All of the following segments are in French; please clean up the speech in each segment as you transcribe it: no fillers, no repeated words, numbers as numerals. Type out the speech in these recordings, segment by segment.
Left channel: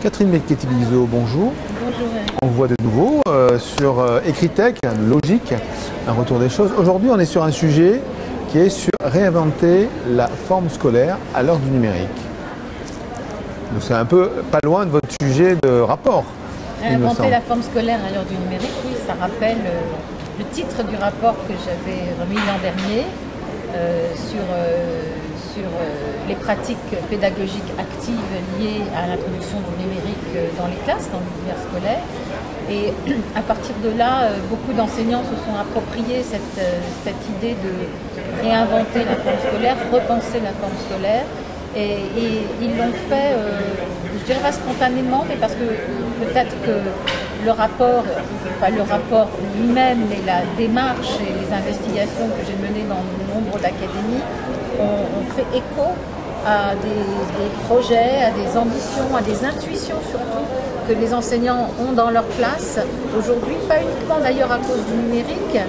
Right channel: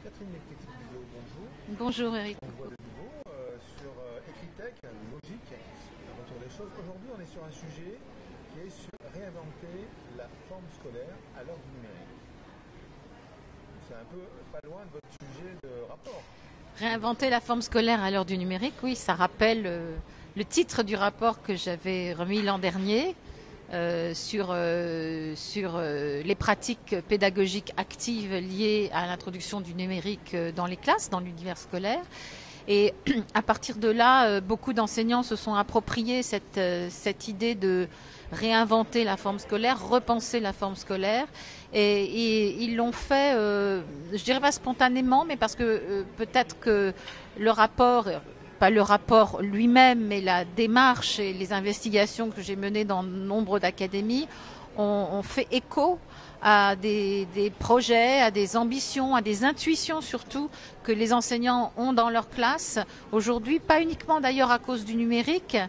Catherine Becchetti-Bizot, bonjour. Bonjour Eric. On vous voit de nouveau sur Ecritech, Logique, un retour des choses. Aujourd'hui, on est sur un sujet qui est sur réinventer la forme scolaire à l'heure du numérique. Donc c'est un peu pas loin de votre sujet de rapport. Réinventer la forme scolaire à l'heure du numérique, oui, ça rappelle le titre du rapport que j'avais remis l'an dernier sur les pratiques pédagogiques actives liées à l'introduction du numérique dans les classes, dans l'univers scolaire. Et à partir de là, beaucoup d'enseignants se sont appropriés cette idée de réinventer la forme scolaire, repenser la forme scolaire. Et ils l'ont fait, je dirais pas spontanément, mais parce que peut-être que le rapport, pas le rapport lui-même, mais la démarche et les investigations que j'ai menées dans nombre d'académies ont fait écho à des projets, à des ambitions, à des intuitions surtout que les enseignants ont dans leur classe aujourd'hui, pas uniquement d'ailleurs à cause du numérique,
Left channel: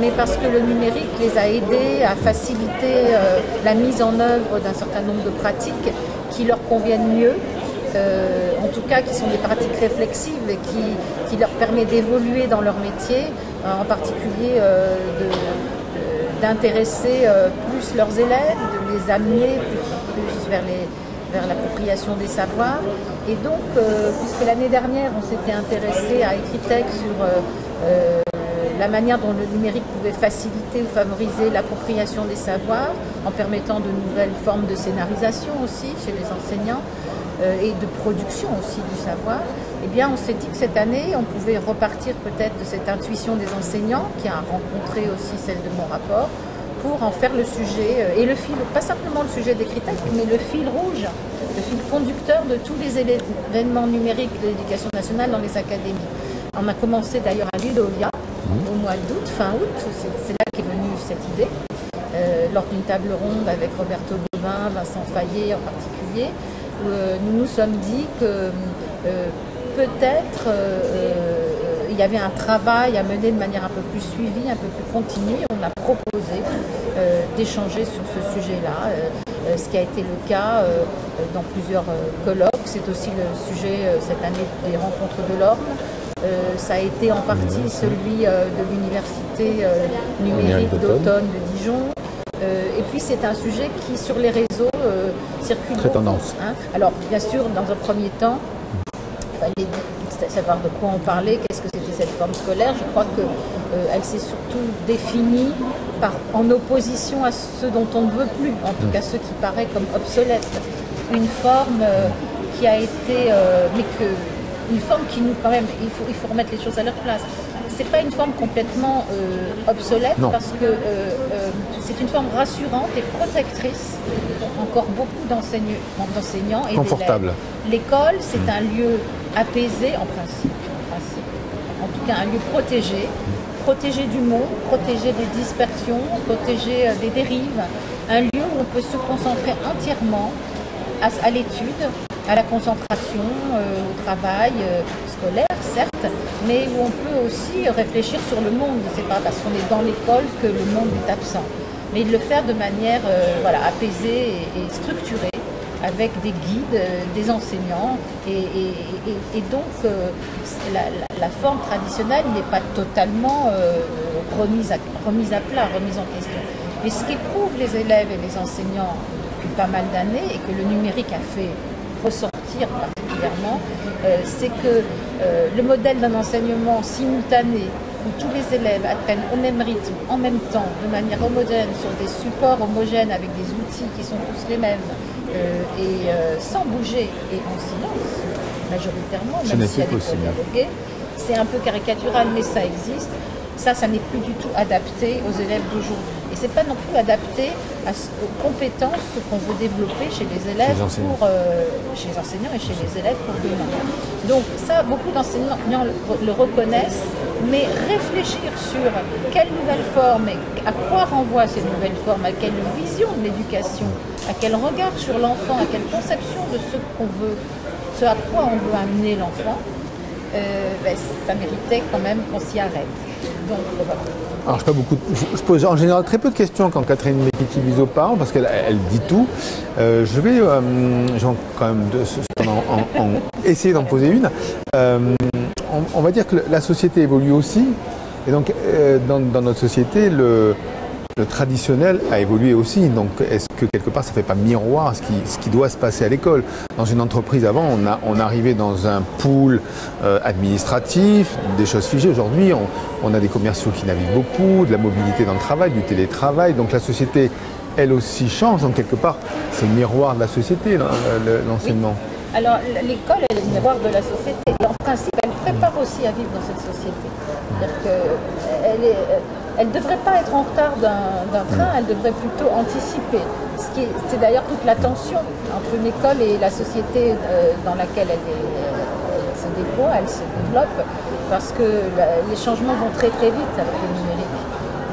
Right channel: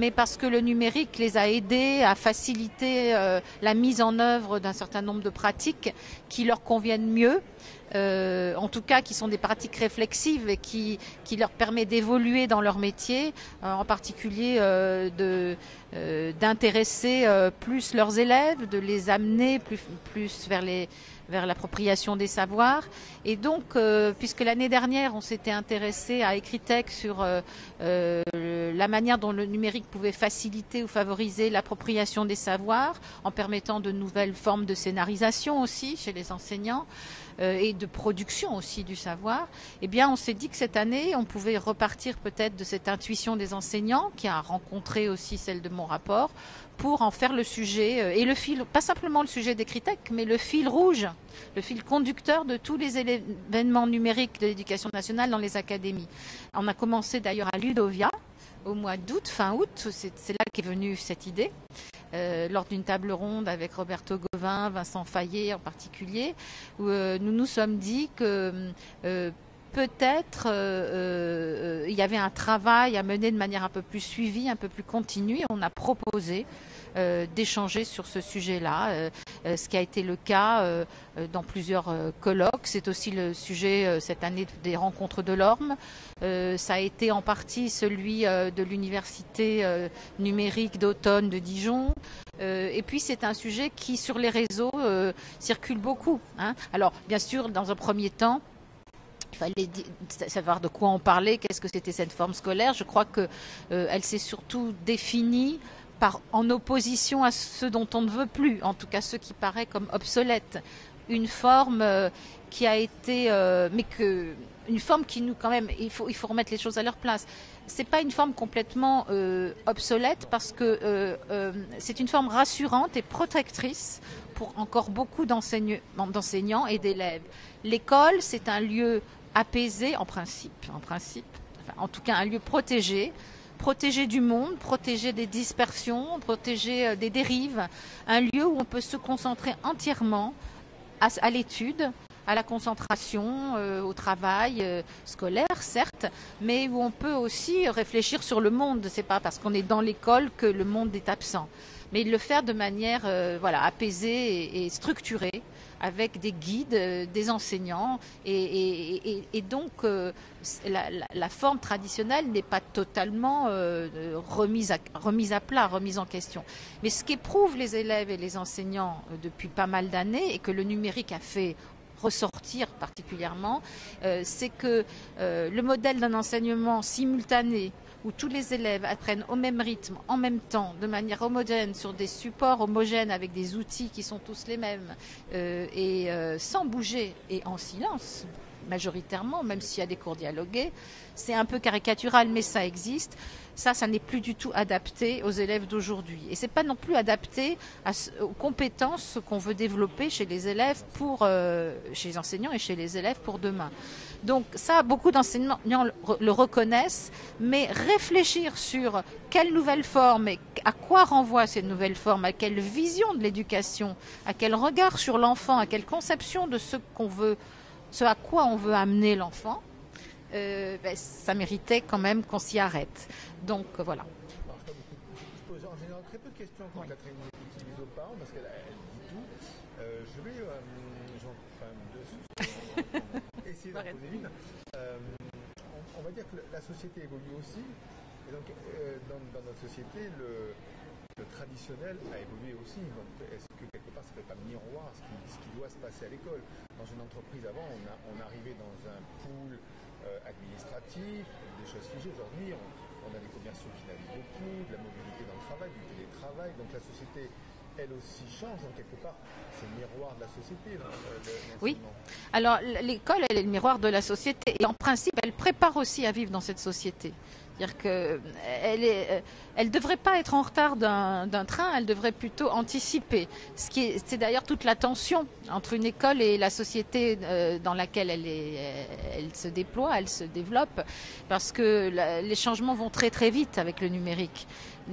mais parce que le numérique les a aidés à faciliter la mise en œuvre d'un certain nombre de pratiques qui leur conviennent mieux, en tout cas qui sont des pratiques réflexives et qui leur permettent d'évoluer dans leur métier, en particulier d'intéresser plus leurs élèves, de les amener plus vers l'appropriation des savoirs. Et donc, puisque l'année dernière, on s'était intéressé à Ecritech sur la manière dont le numérique pouvait faciliter ou favoriser l'appropriation des savoirs, en permettant de nouvelles formes de scénarisation aussi chez les enseignants, et de production aussi du savoir, eh bien on s'est dit que cette année, on pouvait repartir peut-être de cette intuition des enseignants, qui a rencontré aussi celle de mon rapport, pour en faire le sujet, et le fil, pas simplement le sujet d'Ecritech, mais le fil rouge, le fil conducteur de tous les événements numériques de l'éducation nationale dans les académies. On a commencé d'ailleurs à Ludovia, au mois d'août, fin août, c'est là qu'est venue cette idée, lors d'une table ronde avec Roberto Gauvin, Vincent Fayet en particulier. Nous nous sommes dit que peut-être il y avait un travail à mener de manière un peu plus suivie, un peu plus continue. On a proposé d'échanger sur ce sujet-là, ce qui a été le cas dans plusieurs colloques. C'est aussi le sujet cette année des rencontres de l'Orme. Ça a été en partie celui de l'université numérique d'automne de Dijon. Et puis c'est un sujet qui sur les réseaux circule très beaucoup. Tendance. Hein. Alors bien sûr, dans un premier temps, il fallait savoir de quoi on parlait, qu'est-ce que c'était cette forme scolaire. Je crois qu'elle s'est surtout définie en opposition à ce dont on ne veut plus, en tout cas ce qui paraît comme obsolète. Une forme qui a été, une forme qui nous quand même, il faut remettre les choses à leur place. C'est pas une forme complètement obsolète, non. Parce que c'est une forme rassurante et protectrice pour encore beaucoup d'enseignants et d'élèves. L'école, c'est un lieu apaisé en principe, en tout cas un lieu protégé du monde, protégé des dispersions, protégé des dérives, un lieu où on peut se concentrer entièrement à l'étude, à la concentration, au travail scolaire, certes, mais où on peut aussi réfléchir sur le monde. C'est pas parce qu'on est dans l'école que le monde est absent, mais de le faire de manière apaisée et structurée, avec des guides, des enseignants, et donc la forme traditionnelle n'est pas totalement remise à plat, remise en question. Mais ce qu'éprouvent les élèves et les enseignants depuis pas mal d'années, et que le numérique a fait ressortir particulièrement, c'est que le modèle d'un enseignement simultané où tous les élèves apprennent au même rythme, en même temps, de manière homogène, sur des supports homogènes avec des outils qui sont tous les mêmes, et sans bouger et en silence, majoritairement, même s'il y a des cours dialogués, c'est un peu caricatural, mais ça existe. Ça n'est plus du tout adapté aux élèves d'aujourd'hui. Et ce n'est pas non plus adapté aux compétences qu'on veut développer chez les élèves, chez les enseignants et chez les élèves pour demain. Donc ça, beaucoup d'enseignants le reconnaissent, mais réfléchir sur quelle nouvelle forme et à quoi renvoient ces nouvelles formes, à quelle vision de l'éducation, à quel regard sur l'enfant, à quelle conception de ce à quoi on veut amener l'enfant, ça méritait quand même qu'on s'y arrête. Donc voilà. Alors je pose en général très peu de questions quand Catherine Mekiti-Viso parle, parce qu'elle dit tout. Je vais quand même essayer d'en poser une. On va dire que la société évolue aussi, et donc dans notre société, le traditionnel a évolué aussi. Donc est-ce que quelque part ça ne fait pas miroir ce qui doit se passer à l'école? Dans une entreprise avant, on arrivait dans un pool administratif, des choses figées. Aujourd'hui, on a des commerciaux qui naviguent beaucoup, de la mobilité dans le travail, du télétravail. Donc la société, elle aussi change. Donc quelque part, c'est le miroir de la société, l'enseignement. Oui. Alors l'école, elle est le miroir de la société. Et en principe, elle prépare aussi à vivre dans cette société. C'est-à-dire qu'elle ne devrait pas être en retard d'un train, elle devrait plutôt anticiper. C'est d'ailleurs toute la tension entre une école et la société dans laquelle elle se déploie, elle se développe, parce que les changements vont très très vite avec le numérique.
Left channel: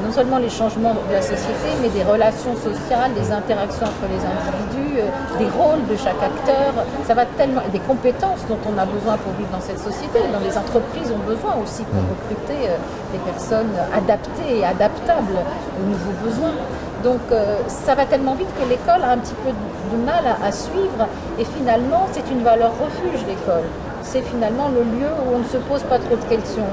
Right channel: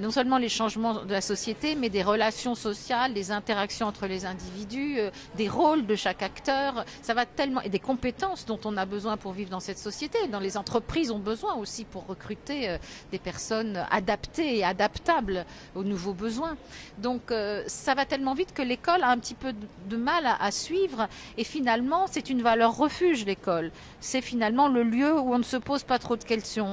Non seulement les changements de la société, mais des relations sociales, des interactions entre les individus, des rôles de chaque acteur. Ça va tellement, et des compétences dont on a besoin pour vivre dans cette société, dont les entreprises ont besoin aussi pour recruter des personnes adaptées et adaptables aux nouveaux besoins. Donc ça va tellement vite que l'école a un petit peu de mal à suivre, et finalement c'est une valeur refuge, l'école. C'est finalement le lieu où on ne se pose pas trop de questions.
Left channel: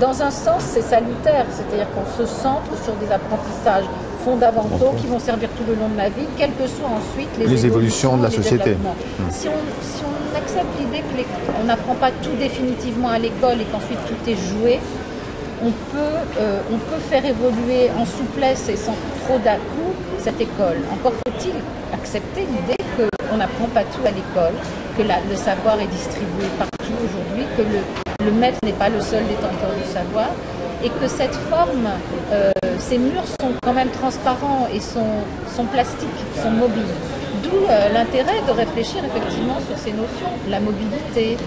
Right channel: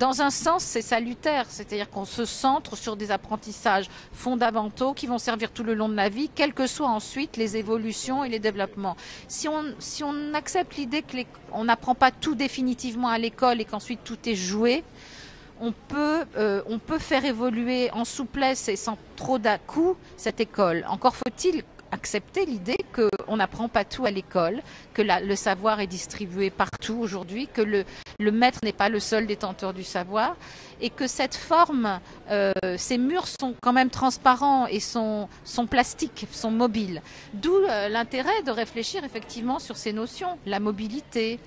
Dans un sens, c'est salutaire, c'est-à-dire qu'on se centre sur des apprentissages fondamentaux qui vont servir tout le long de la vie, quelles que soient ensuite les évolutions de la société. Si on accepte l'idée qu'on n'apprend pas tout définitivement à l'école et qu'ensuite tout est joué, on peut faire évoluer en souplesse et sans trop d'à-coups cette école. Encore faut-il accepter l'idée qu'on n'apprend pas tout à l'école, que le savoir est distribué partout aujourd'hui, que le maître n'est pas le seul détenteur du savoir, et que cette forme, ces murs sont quand même transparents et sont plastiques, sont mobiles. D'où l'intérêt de réfléchir effectivement sur ces notions, la mobilité,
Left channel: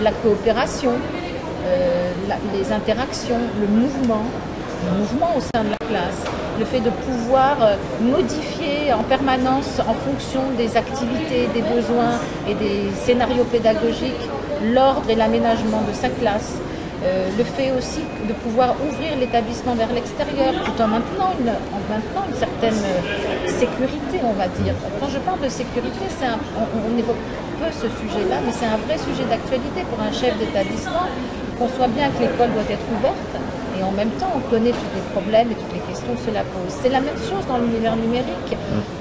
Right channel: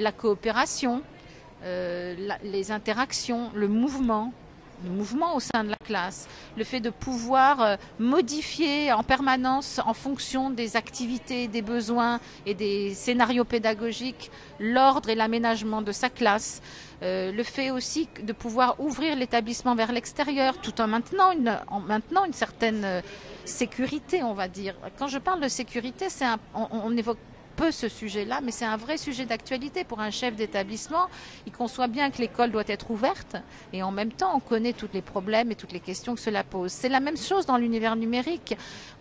la coopération, les interactions, le mouvement au sein de la classe, le fait de pouvoir modifier en permanence en fonction des activités, des besoins et des scénarios pédagogiques, l'ordre et l'aménagement de sa classe, le fait aussi de pouvoir ouvrir l'établissement vers l'extérieur tout en maintenant une certaine sécurité, on va dire. Quand je parle de sécurité, on évoque peu ce sujet-là, mais c'est un vrai sujet d'actualité pour un chef d'établissement, qu'on soit bien que l'école doit être ouverte, et en même temps on connaît tous les problèmes et toutes les questions que cela pose. C'est la même chose dans l'univers numérique.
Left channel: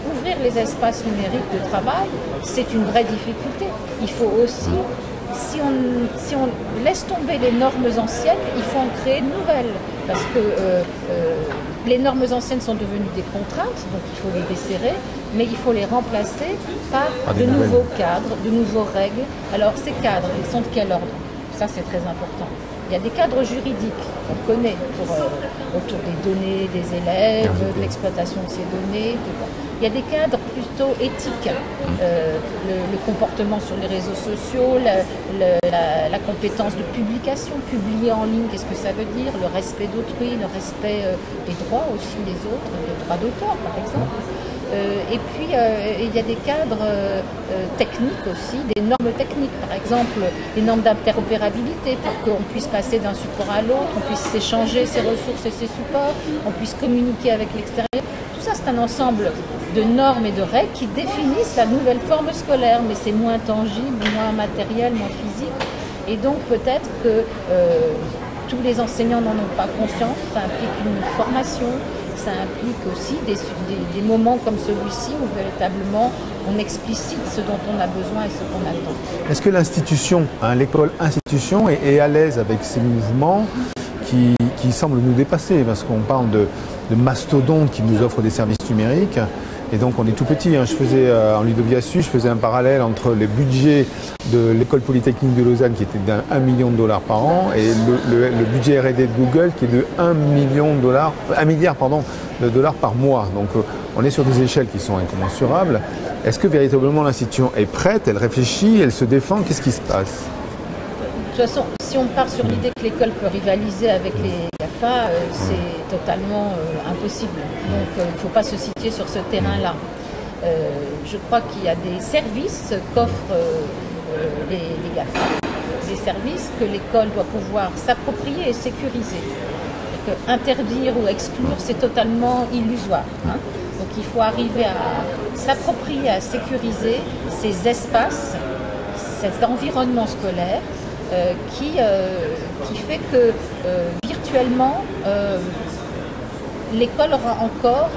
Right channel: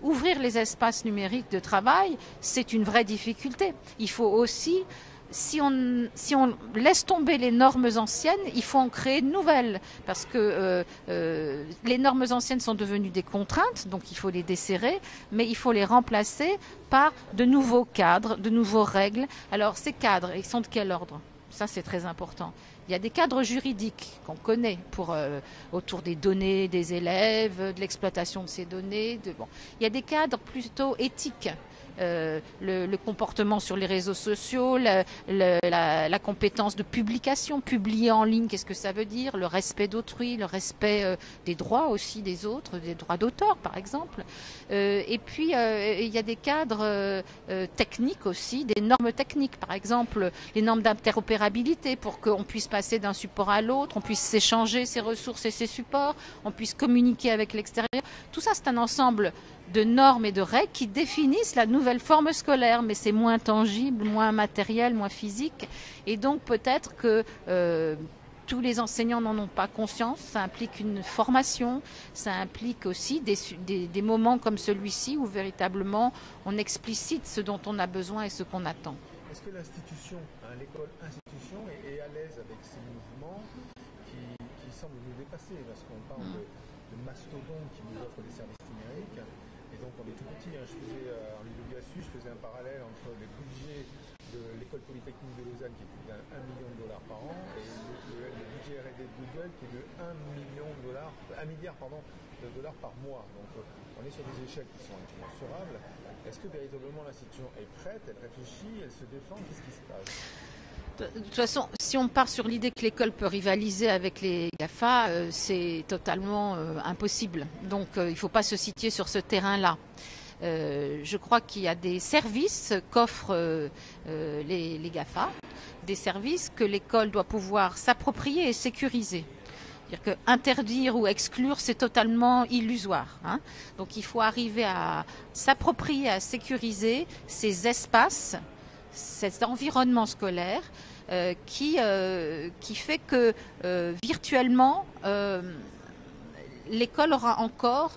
Ouvrir les espaces numériques de travail, c'est une vraie difficulté. Il faut aussi, si on laisse tomber les normes anciennes, il faut en créer de nouvelles, parce que les normes anciennes sont devenues des contraintes, donc il faut les desserrer, mais il faut les remplacer par de nouveaux cadres, de nouvelles règles. Alors ces cadres, ils sont de quel ordre? Ça, c'est très important. Il y a des cadres juridiques qu'on connaît autour des données des élèves, de l'exploitation de ces données. Il y a des cadres plutôt éthiques, le comportement sur les réseaux sociaux, la compétence de publication, publier en ligne, qu'est-ce que ça veut dire, le respect d'autrui, le respect des droits aussi des autres, des droits d'auteur par exemple. Et puis, il y a des cadres techniques aussi, des normes techniques, par exemple, les normes d'interopérabilité pour qu'on puisse passer d'un support à l'autre, on puisse s'échanger ses ressources et ses supports, on puisse communiquer avec l'extérieur. Tout ça, c'est un ensemble de normes et de règles qui définissent la nouvelle forme scolaire, mais c'est moins tangible, moins matériel, moins physique. Et donc, peut-être que tous les enseignants n'en ont pas conscience, ça implique une formation. Ça implique aussi des moments comme celui-ci où véritablement on explicite ce dont on a besoin et ce qu'on attend. Est-ce que l'institution, l'école institution, est à l'aise avec ces mouvements qui semblent nous dépasser? Parce qu'on parle de mastodontes qui nous offrent des services numériques. Et donc on est tout petit. Je faisais en Ludoviasu, je faisais un parallèle entre les budgets de l'école polytechnique de Lausanne qui était d'1 million de dollars par an et le budget R&D de Google qui est de 1 milliard de dollars par mois. Donc on est sur des échelles qui sont incommensurables. Est-ce que véritablement l'institution est prête, elle réfléchit, elle se défend? Qu'est-ce qui se passe? De toute façon, si on part sur l'idée que l'école peut rivaliser avec les GAFA, c'est totalement impossible. Donc il ne faut pas se situer sur ce terrain-là. Je crois qu'il y a des services qu'offrent les GAFA des services que l'école doit pouvoir s'approprier et sécuriser. Interdire ou exclure, c'est totalement illusoire. Donc il faut arriver à s'approprier, à sécuriser ces espaces, cet environnement scolaire qui fait que virtuellement, l'école aura encore,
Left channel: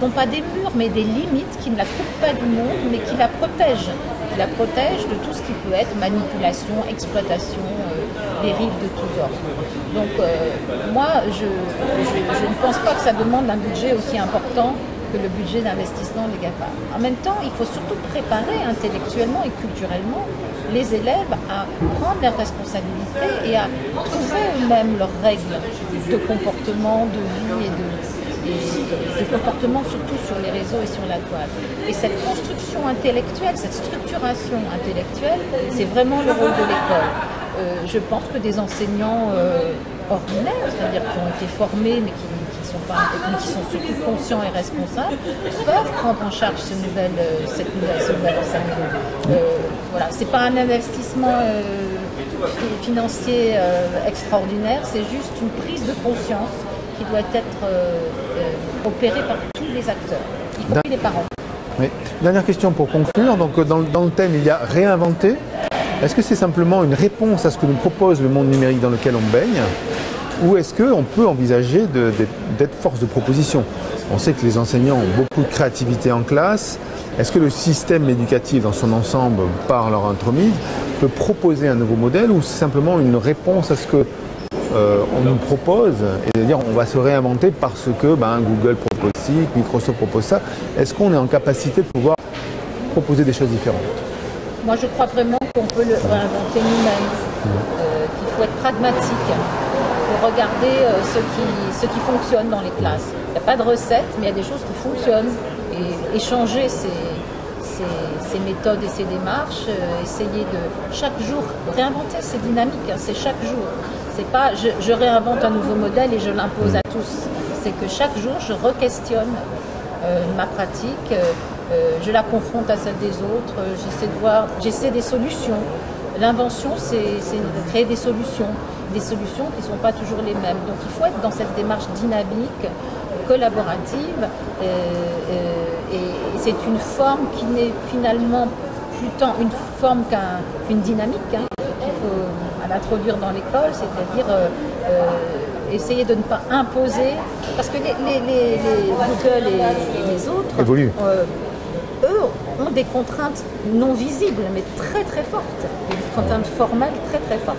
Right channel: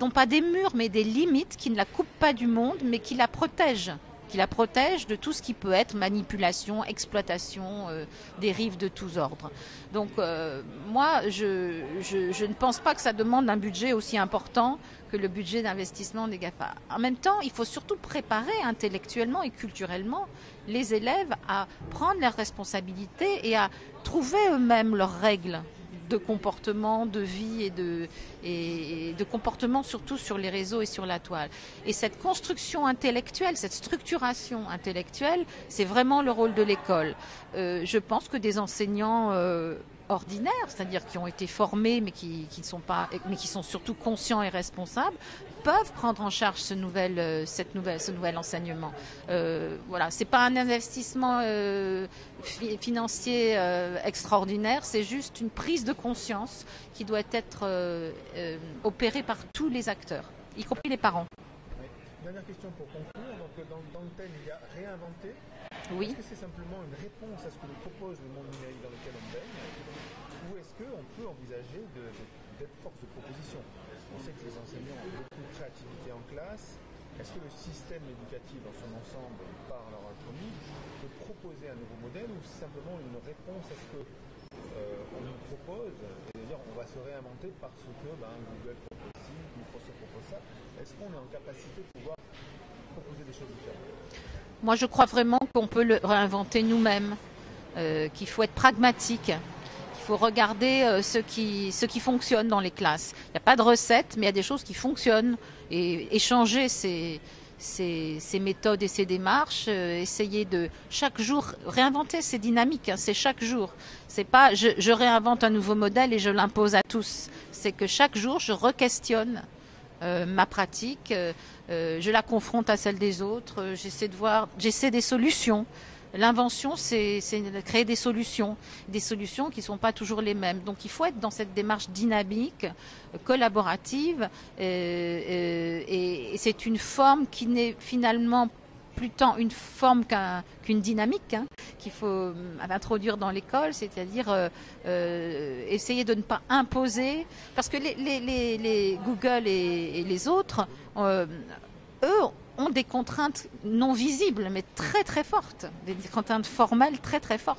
non pas des murs, mais des limites qui ne la coupent pas du monde, mais qui la protègent. Qui la protègent de tout ce qui peut être manipulation, exploitation, dérive de tous ordres. Donc moi, je ne pense pas que ça demande un budget aussi important que le budget d'investissement des GAFA. En même temps, il faut surtout préparer intellectuellement et culturellement les élèves à prendre leurs responsabilités et à trouver eux-mêmes leurs règles de comportement, de vie et de comportement, surtout sur les réseaux et sur la toile. Et cette construction intellectuelle, cette structuration intellectuelle, c'est vraiment le rôle de l'école. Je pense que des enseignants ordinaires, c'est-à-dire qui ont été formés mais qui sont surtout conscients et responsables, peuvent prendre en charge ce nouvel enseignement. Voilà, c'est pas un investissement financier extraordinaire, c'est juste une prise de conscience qui doit être opérée par tous les acteurs, y compris les parents. Oui. Dernière question pour conclure. Donc, dans le thème, il y a réinventer. Est-ce que c'est simplement une réponse à ce que nous propose le monde numérique dans lequel on baigne, ou est-ce qu'on peut envisager d'être force de proposition? On sait que les enseignants ont beaucoup de créativité en classe. Est-ce que le système éducatif dans son ensemble, par leur entremise, peut proposer un nouveau modèle, ou c'est simplement une réponse à ce que on nous propose, et de dire on va se réinventer parce que Google propose ci, Microsoft propose ça? Est-ce qu'on est en capacité de pouvoir proposer des choses différentes? Moi, je crois vraiment qu'on peut le réinventer nous-mêmes, qu'il faut être pragmatique. Il faut regarder ce qui fonctionne dans les classes. Il n'y a pas de recette, mais il y a des choses qui fonctionnent. Et échanger ces méthodes et ces démarches, essayer de chaque jour réinventer ces dynamiques, c'est chaque jour. C'est pas je réinvente un nouveau modèle et je l'impose à tous. C'est que chaque jour, je re-questionne ma pratique, je la confronte à celle des autres, j'essaie des solutions. L'invention, c'est de créer des solutions qui ne sont pas toujours les mêmes. Donc il faut être dans cette démarche dynamique, collaborative, et c'est une forme qui n'est finalement plus tant une forme qu'une dynamique qu'il faut introduire dans l'école, c'est-à-dire essayer de ne pas imposer, parce que les Google et les autres eux ont des contraintes non visibles, mais très très fortes, des contraintes formelles très très fortes,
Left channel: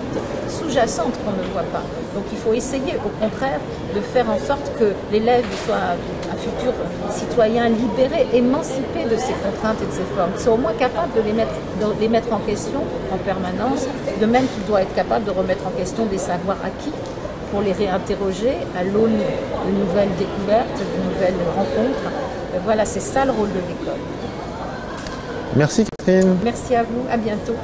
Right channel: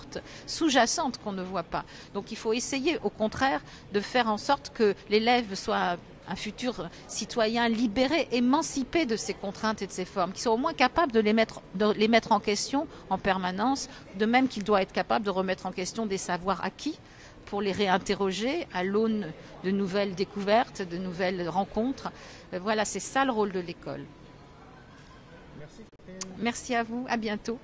sous-jacentes qu'on ne voit pas. Donc il faut essayer au contraire de faire en sorte que l'élève soit un futur citoyen libéré, émancipé de ces contraintes et de ces formes. Il soit au moins capable de les mettre en question en permanence, de même qu'il doit être capable de remettre en question des savoirs acquis pour les réinterroger à l'aune de nouvelles découvertes, de nouvelles rencontres. Voilà, c'est ça le rôle de l'école. Merci Catherine. Merci à vous, à bientôt.